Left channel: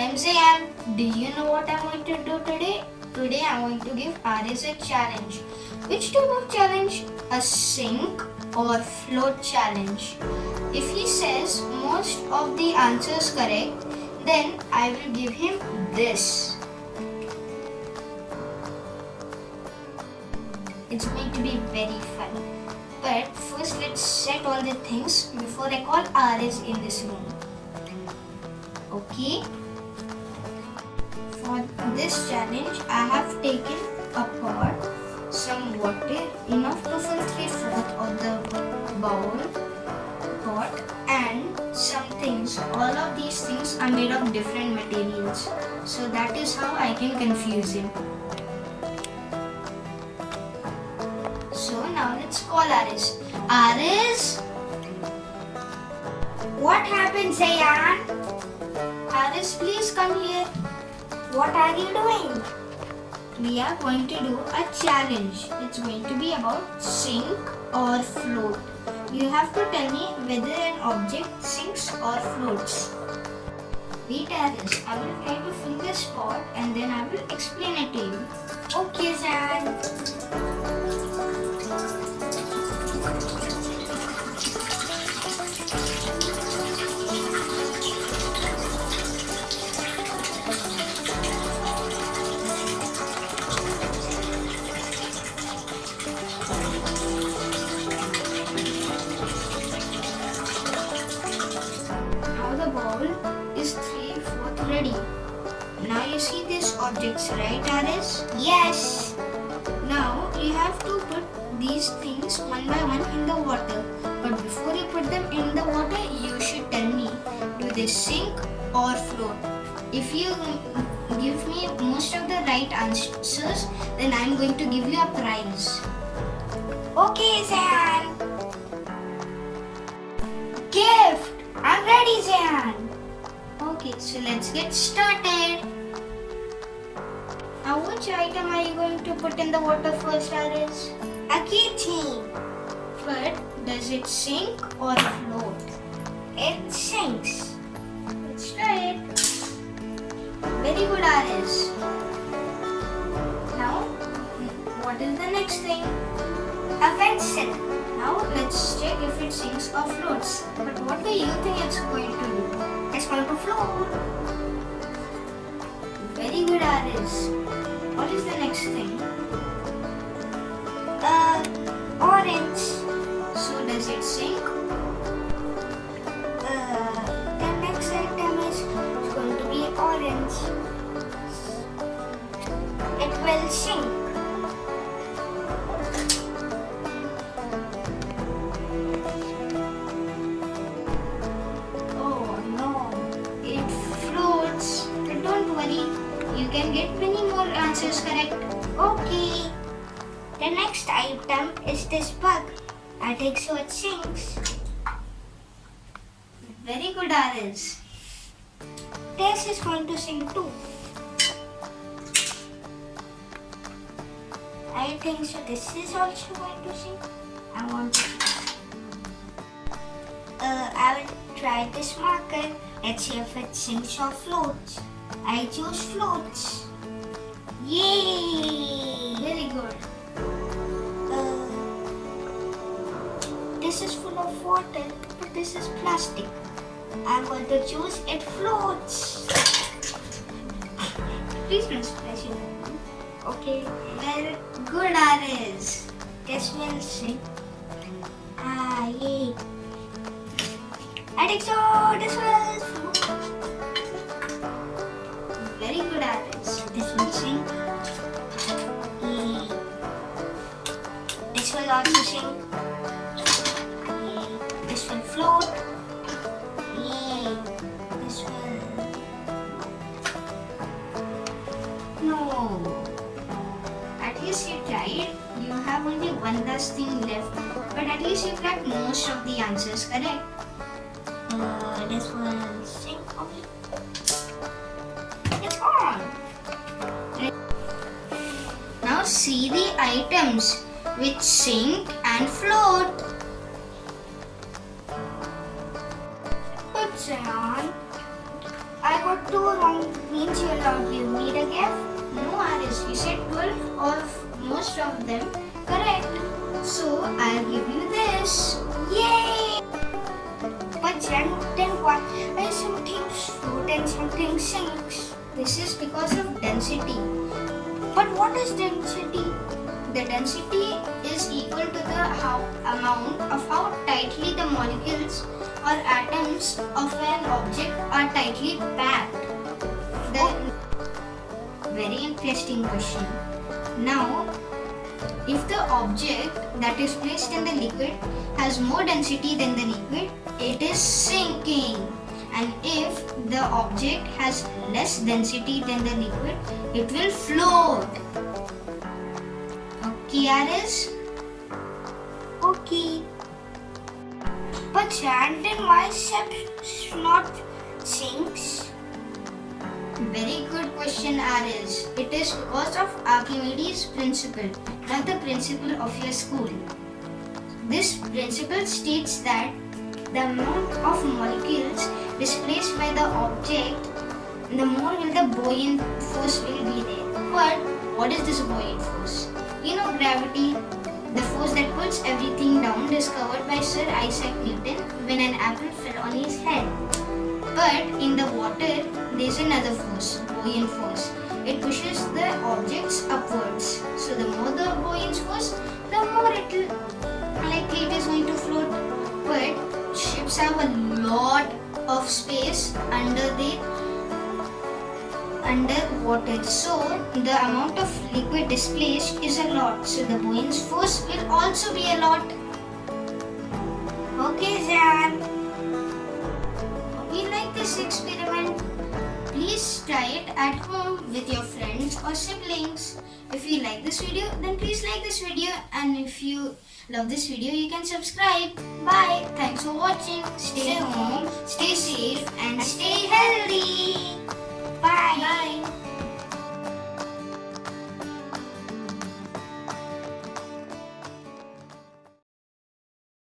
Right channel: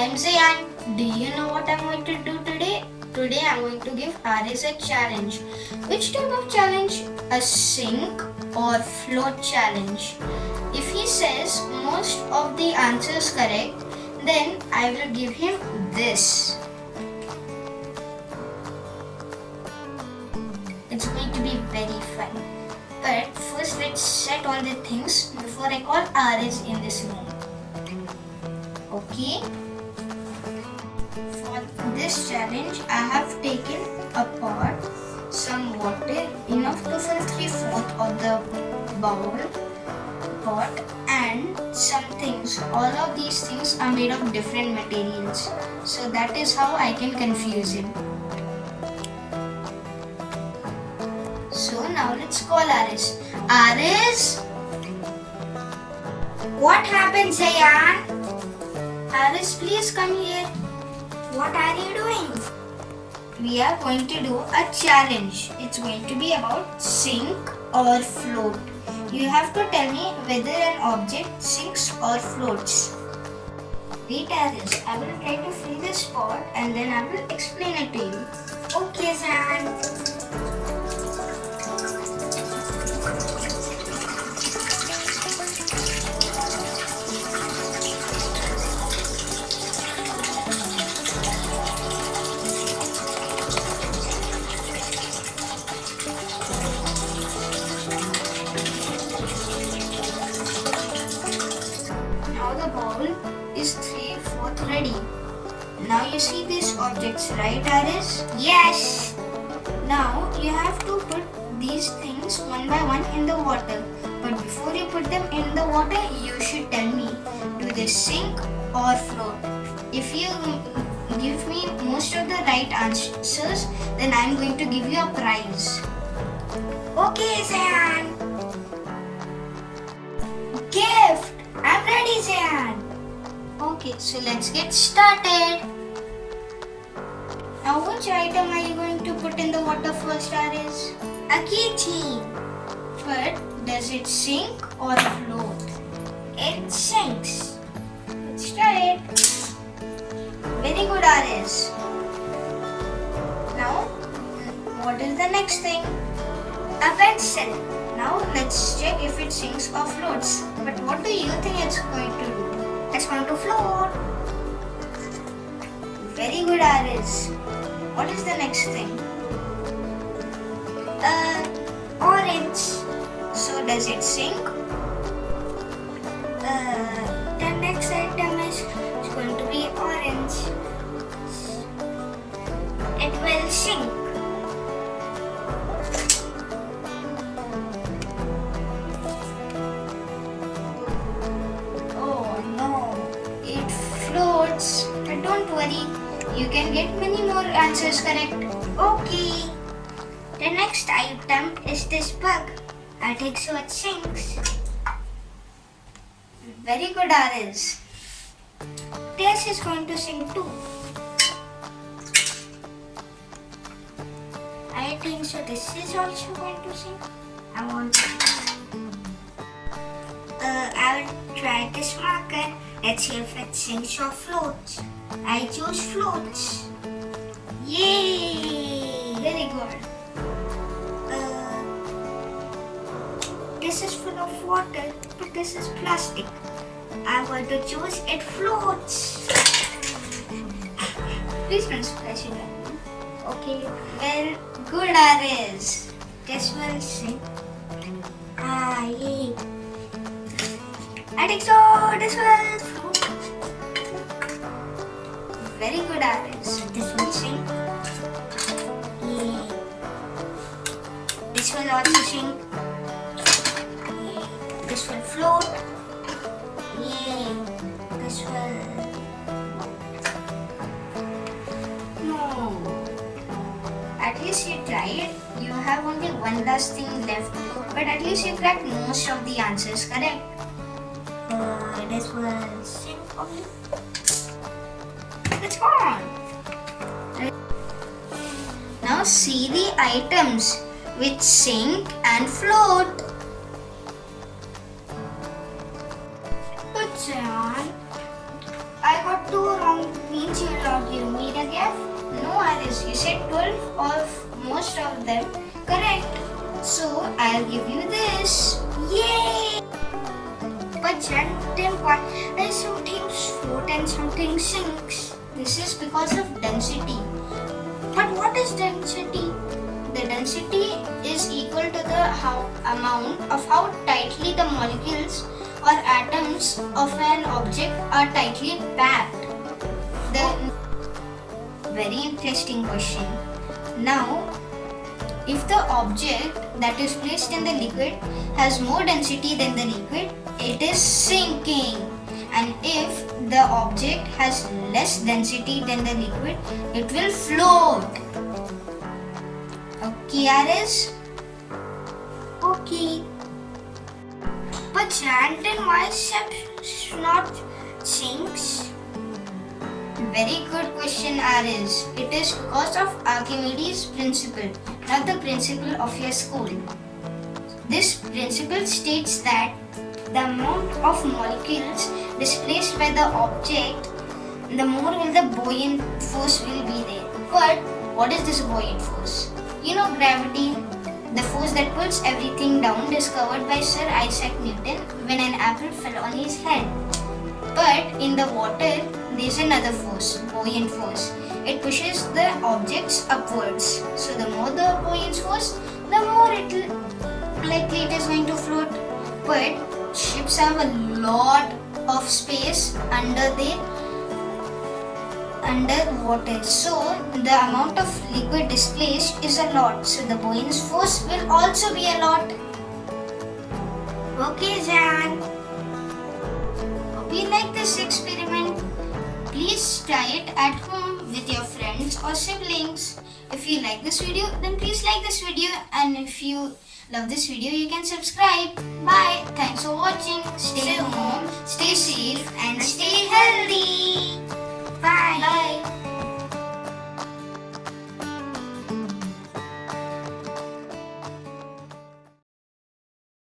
I'm Zayan. Do you know what I'm going to do today? Today I'm going to give Aris a challenge. Which type of challenge? A sink or float challenge. If he says most of the answers correct, then I will give him this. It's going to be very fun. But first let's set all the things before I call Aris in this room. Okay? For this challenge, I have taken a pot, some water, enough to fill 3/4 of the bowl, pot, and some things. All of these things are made of different materials. So that is how I can confuse him. So now let's call Aris. Aris? What happened, Zayan? Aris, please come here. What are you doing? We are going to do a challenge. It's going to be about sink or float. You have to tell me whether an object sinks or floats. Wait, Aris, I will try to fill this pot and then I will explain it to you. Okay, Zayan. Now the bowl is 3/4 ready. Now you see these objects, right, Aris? Yes. Now you have to put these things one by one in the water. But before you put them in the water, you should tell me, do they sink or float? If you give me most of the right answers, then I'm going to give you a prize. Okay, Zayan. Gift. I'm ready, Zayan. Okay, so let's get started. Now which item are you going to put in the water first, Aris? A keychain. But does it sink or float? It sinks. Let's try it. Very good, Aris. Now, what is the next thing? A pencil. Now, let's check if it sinks or floats. But what do you think it's going to do? It's going to float. Very good, Aris. What is the next thing? Orange. So, does it sink? The next item is going to be orange. It will sink. Oh no, it floats. But don't worry, you can get many more answers correct. Okay. The next item is this bug. I think so it sinks. Very good, Aris. This is going to sink too. I think so this is also going to sink. I want to I will try this marker. Let's see if it sinks or floats. I choose floats. Yay! Very good. This is full of water, but this is plastic. I'm going to choose it floats. Please don't splash it. Okay, Well, good, Aris. this will sink. Yay. I think so. This will float. Very good, Aris. This will sink. Yay. This will also sink. Yay. This will float. Yay. This will. No. At least you tried. You have only one last thing left. But at least you got most of the answers correct. This will sink. Okay. It's gone. Now see the items which sink and float. Put on. I got 2 wrong means you will not give me the gift. No, Aris, you said 12 of most of them correct. So I'll give you this. Yay! But then why is something float and something sinks? This is because of density. But what is density? The density is equal to the amount of how tightly the molecules or atoms of an object are tightly packed. The very interesting question. Now, if the object that is placed in the liquid has more density than the liquid, it is sinking. And if the object has less density than the liquid, it will float. Okay, Aris? Okay. But sand and why not sinks? Very good question, Aris. It is because of Archimedes' principle, not the principle of your school. This principle states that the amount of molecules displaced by the object, the more will the buoyant force will be there. But what is this buoyant force? You know gravity, the force that pulls everything down, discovered by Sir Isaac Newton when an apple fell on his head. But in the water, there is another force, buoyant force. It pushes the objects upwards. So the more the buoyant force, the more likely it is going to float. But ships have a lot of space underwater. So the amount of liquid displaced is a lot. So the buoyant force will also be a lot. Okay, Jan. Hope you like this experiment. Please try it at home with your friends or siblings. If you like this video, then please like this video, and if you love this video, you can subscribe. Bye. Thanks for watching. Stay home, stay safe, and stay healthy.